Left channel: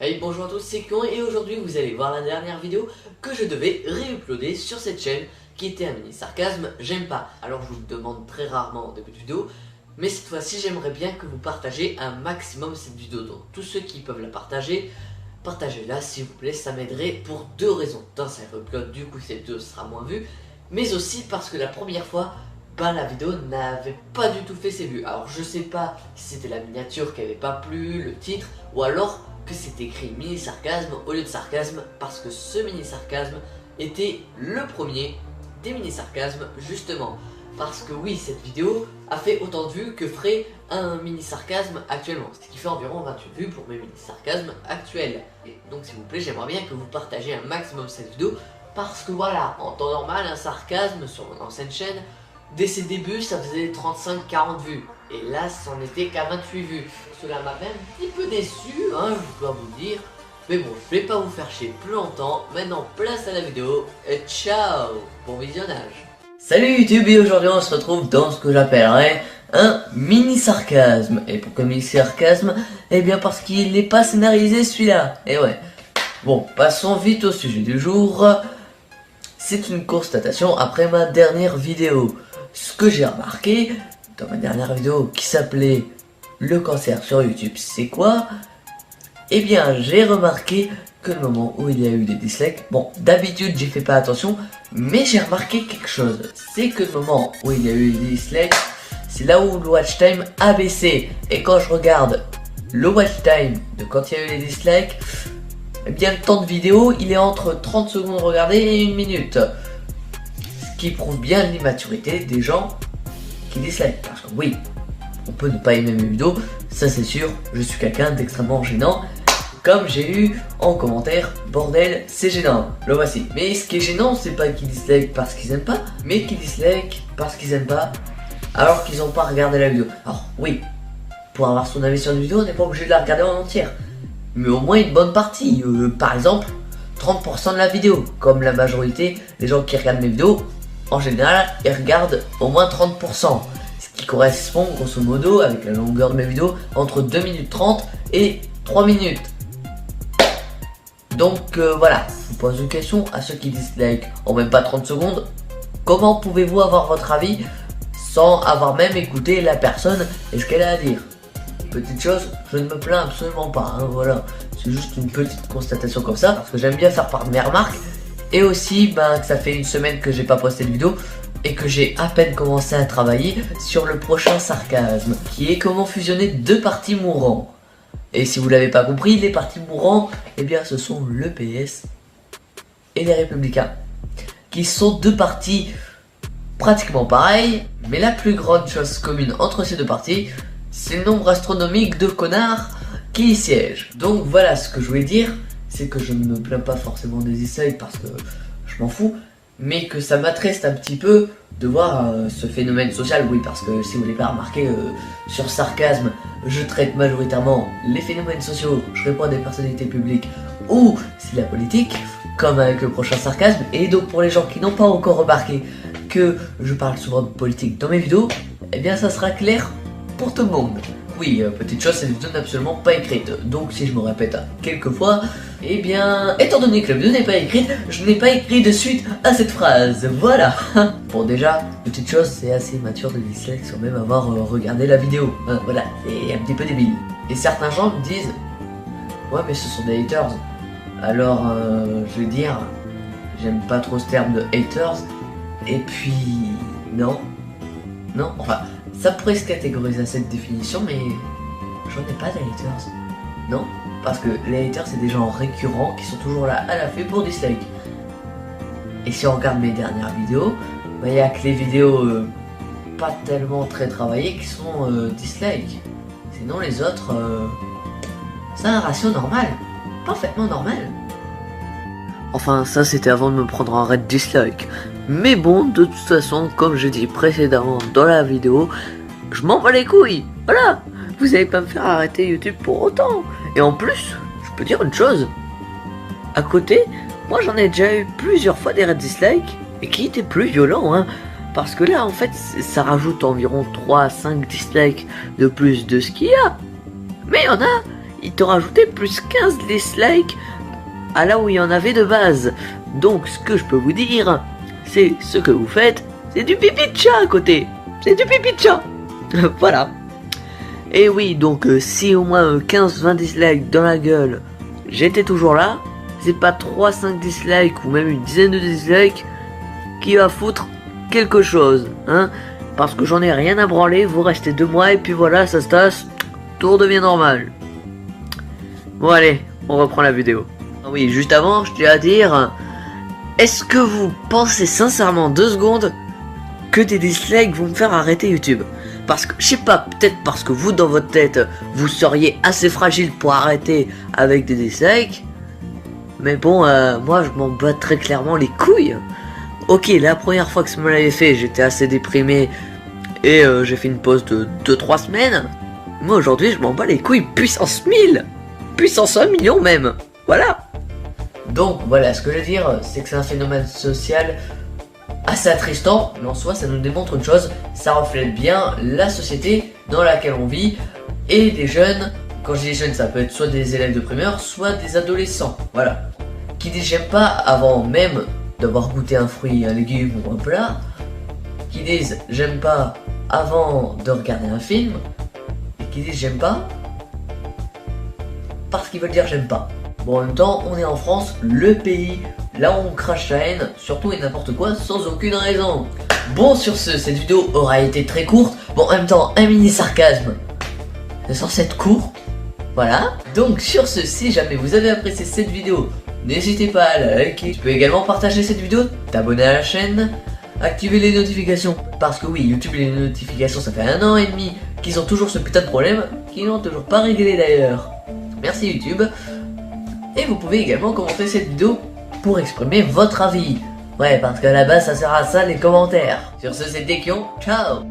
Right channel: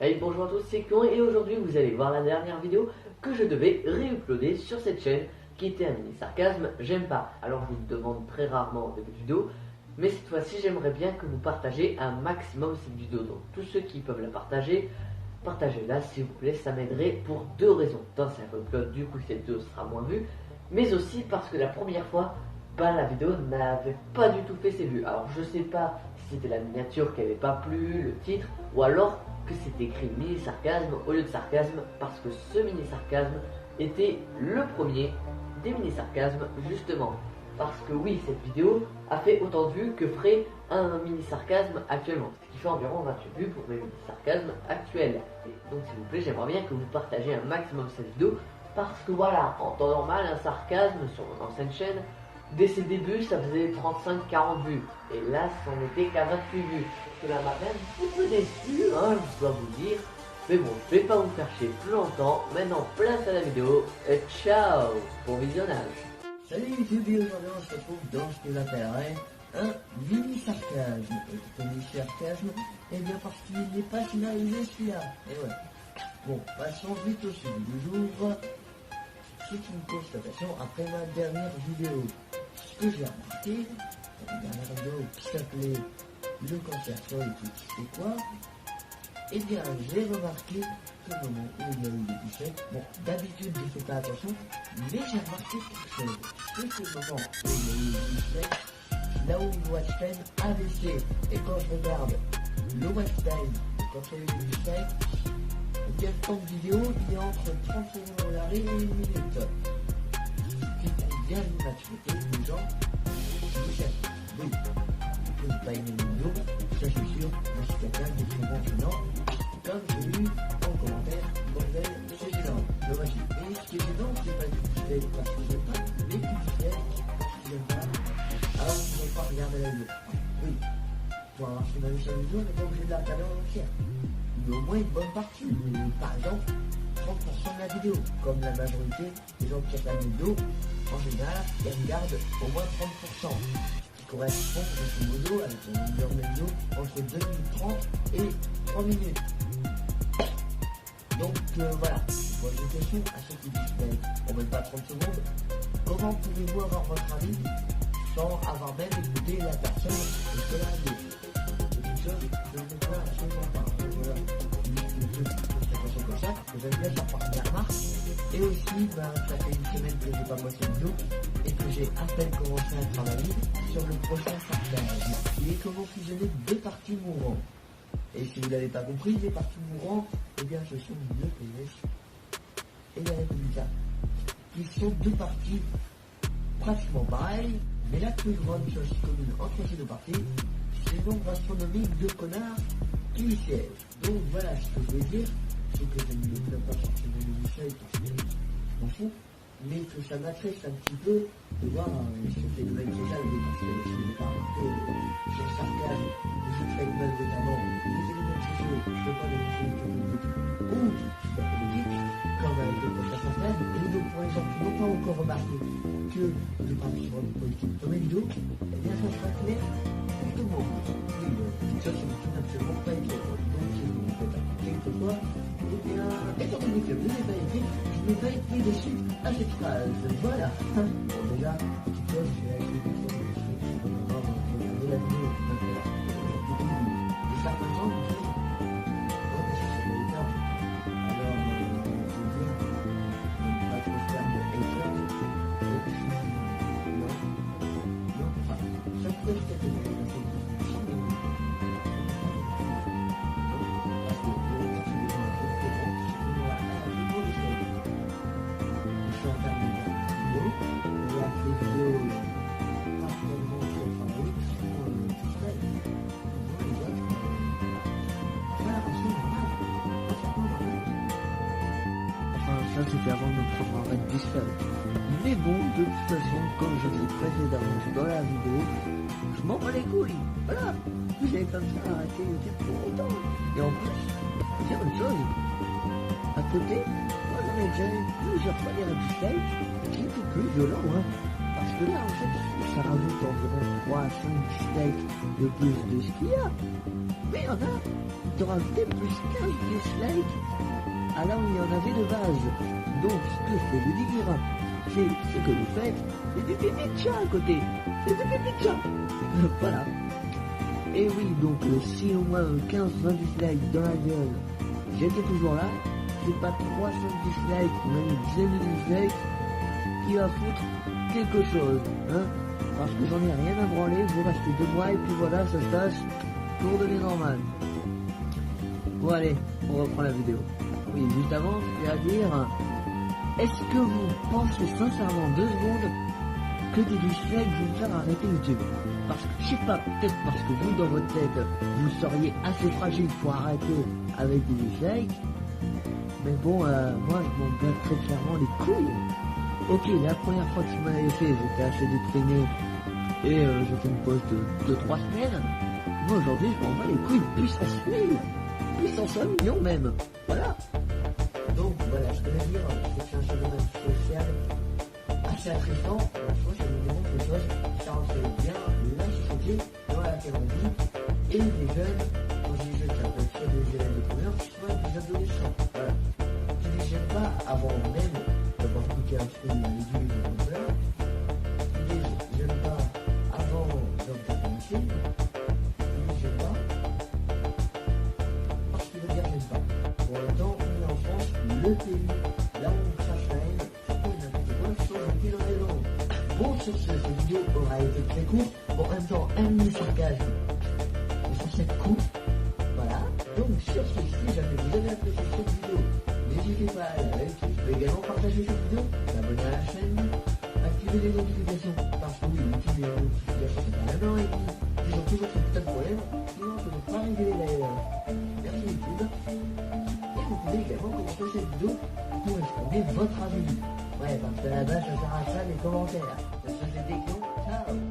Hey, bonjour à tous, c'est Kion et aujourd'hui vous allez voir la dernière vidéo que je devais réuploader sur cette chaîne qui était un mini sarcasme, j'aime pas. Alors je vous le demande très rarement en début de vidéo, mais cette fois-ci j'aimerais bien que vous partagez un maximum cette vidéo. Donc tous ceux qui peuvent la partager, partagez-la s'il vous plaît, ça m'aiderait pour deux raisons. D'un, ça reupload, du coup cette vidéo sera moins vue, mais aussi parce que la première fois, la vidéo n'avait pas du tout fait ses vues. Alors je sais pas si c'était la miniature qui avait pas plu, le titre, ou alors que c'était écrit mini sarcasme au lieu de sarcasme, parce que ce mini sarcasme était le premier des mini sarcasmes, justement parce que oui, cette vidéo a fait autant de vues que ferait un mini sarcasme actuellement, ce qui fait environ 28 vues pour mes mini sarcasmes actuels. Et donc s'il vous plaît, j'aimerais bien que vous partagez un maximum cette vidéo, parce que voilà, en temps normal, un sarcasme sur mon ancienne chaîne, dès ses débuts, ça faisait 35-40 vues. Et là, c'en était qu'à 28 vues. Cela m'a même un petit peu déçu, hein, je dois vous dire. Mais bon, je vais pas vous faire chier plus longtemps. Maintenant, place à la vidéo. Et ciao, bon visionnage. Salut YouTube, et aujourd'hui on se retrouve dans ce que j'appellerais un mini sarcasme. Et pourquoi mini sarcasme? Eh bien parce qu'il n'est pas scénarisé celui-là. Et ouais. Bon, passons vite au sujet du jour. C'est une constatation après ma dernière vidéo. Ce que j'ai remarqué dans ma dernière vidéo qui s'appelait le cancer sur YouTube, c'est quoi? Eh bien, j'ai remarqué que le moment où il y a eu des dislikes, bon, d'habitude j'y fais pas attention, mais j'ai remarqué quelque chose. C'est que le moment où il y a eu des dislikes, c'est là où le watch time a baissé. Et quand je regarde le watch time de quand il y a eu les dislikes, eh bien le temps de vidéo il est entre 30 secondes regardées et 1 minute. Ce qui prouve bien l'immaturité des gens qui dislike. Parce que oui, on peut ne pas aimer mes vidéos, ça c'est sûr, je suis quelqu'un d'extrêmement gênant. Comme j'ai eu en commentaire, bordel, c'est gênant, le voici. Mais ce qui est gênant, c'est pas qu'ils dislike parce qu'ils aiment pas, mais qu'ils dislike parce qu'ils aiment pas, alors qu'ils ont pas regardé la vidéo. Alors oui, pour avoir son avis sur une vidéo, on n'est pas obligé de la regarder en entière. Mais au moins une bonne partie, par exemple 30% de la vidéo, comme la majorité des gens qui regardent mes vidéos, en général ils regardent au moins 30%, ce qui correspond grosso modo avec la longueur de mes vidéos entre 2 minutes 30 et 3 minutes. Donc voilà, je vous pose une question à ceux qui dislike en même pas 30 secondes, comment pouvez-vous avoir votre avis sans avoir même écouté la personne et ce qu'elle a à dire? Petite chose, je ne me plains absolument pas, hein, voilà, c'est juste une petite constatation comme ça, parce que j'aime bien faire part de mes remarques, et aussi que ça fait une semaine que j'ai pas posté de vidéo, et que j'ai à peine commencé à travailler sur le prochain sarcasme, qui est comment fusionner deux partis mourants. Et si vous l'avez pas compris, les partis mourants, eh bien ce sont le PS et les Républicains, qui sont deux partis pratiquement pareils, mais la plus grande chose commune entre ces deux partis, c'est le nombre astronomique de connards qui y siègent. Donc voilà, ce que je voulais dire, c'est que je ne me plains pas forcément des dislikes parce que je m'en fous, mais que ça m'attriste un petit peu de voir ce phénomène social. Oui, parce que si vous l'avez pas remarqué, sur sarcasme, je traite majoritairement les phénomènes sociaux, je réponds à des personnalités publiques ou c'est de la politique, comme avec le prochain sarcasme. Et donc pour les gens qui n'ont pas encore remarqué que je parle souvent de politique dans mes vidéos, eh bien ça sera clair pour tout le monde. Oui, petite chose, cette vidéo n'est absolument pas écrite. Donc si je me répète quelques fois, eh bien, étant donné que la vidéo n'est pas écrite, je n'ai pas écrit de suite à cette phrase. Voilà. Bon déjà, petite chose, c'est assez immature de dislike sans même avoir regardé la vidéo. Voilà, et un petit peu débile. Et certains gens me disent, ouais mais ce sont des haters. Alors, je vais dire, j'aime pas trop ce terme de haters. Et puis, non, enfin, ça pourrait se catégoriser à cette définition, mais j'en ai pas de haters. Non, parce que les haters, c'est des gens récurrents qui sont toujours là à l'affût pour dislike. Et si on regarde mes dernières vidéos, il n'y a que les vidéos pas tellement très travaillées qui sont dislike. Sinon les autres, c'est un ratio normal, parfaitement normal. Enfin, ça c'était avant de me prendre un raid dislike. Mais bon, de toute façon, comme je dis précédemment dans la vidéo, je m'en bats les couilles. Voilà, vous allez pas me faire arrêter YouTube pour autant. Et en plus, je peux dire une chose. À côté, moi j'en ai déjà eu plusieurs fois des raids dislike, et qui étaient plus violents, hein. Parce que là, en fait, ça rajoute environ 3 à 5 dislikes de plus de ce qu'il y a. Mais il y en a, il te rajoutait plus 15 dislikes à là où il y en avait de base. Donc ce que je peux vous dire, c'est ce que vous faites, c'est du pipi de chat à côté. C'est du pipi de chat. Voilà. Et oui, donc si au moins 15-20 dislikes dans la gueule, j'étais toujours là, c'est pas 3-5 dislikes ou même une dizaine de dislikes qui va foutre quelque chose, hein. Parce que j'en ai rien à branler, vous restez 2 mois et puis voilà, ça se tasse, tout redevient normal. Bon allez, on reprend la vidéo. Oui, juste avant, je tiens à dire, est-ce que vous pensez sincèrement 2 secondes que des dislikes vont me faire arrêter YouTube? Parce que, je sais pas, peut-être parce que vous, dans votre tête, vous seriez assez fragile pour arrêter avec des dislikes. Mais bon, moi, je m'en bats très clairement les couilles. Ok, la première fois que ça me l'avait fait, j'étais assez déprimé. Et j'ai fait une pause de 2-3 semaines. Moi, aujourd'hui, je m'en bats les couilles puissance 1000. Puissance 1 million même. Voilà. Donc, voilà, ce que je veux dire, c'est que c'est un phénomène social assez attristant, mais en soi ça nous démontre une chose, ça reflète bien la société dans laquelle on vit et les jeunes. Quand je dis jeunes, ça peut être soit des élèves de primaire, soit des adolescents, voilà, qui disent j'aime pas avant même d'avoir goûté un fruit, un légume ou un plat, qui disent j'aime pas avant de regarder un film, qui disent j'aime pas parce qu'ils veulent dire j'aime pas. Bon, en même temps, on est en France, le pays là où on crache la haine, surtout et n'importe quoi, sans aucune raison. Bon, sur ce, cette vidéo aura été très courte. Bon, en même temps, un mini sarcasme, c'est censé être court. Voilà. Donc, sur ce, si jamais vous avez apprécié cette vidéo, n'hésitez pas à la liker. Tu peux également partager cette vidéo, t'abonner à la chaîne, activer les notifications. Parce que oui, YouTube et les notifications, ça fait 1 an et demi qu'ils ont toujours ce putain de problème, qu'ils n'ont toujours pas réglé d'ailleurs. Merci YouTube. Et vous pouvez également commenter cette vidéo pour exprimer votre avis. Ouais, parce qu'à la base, ça sert à ça les commentaires. Sur ce, c'était Kion. Ciao.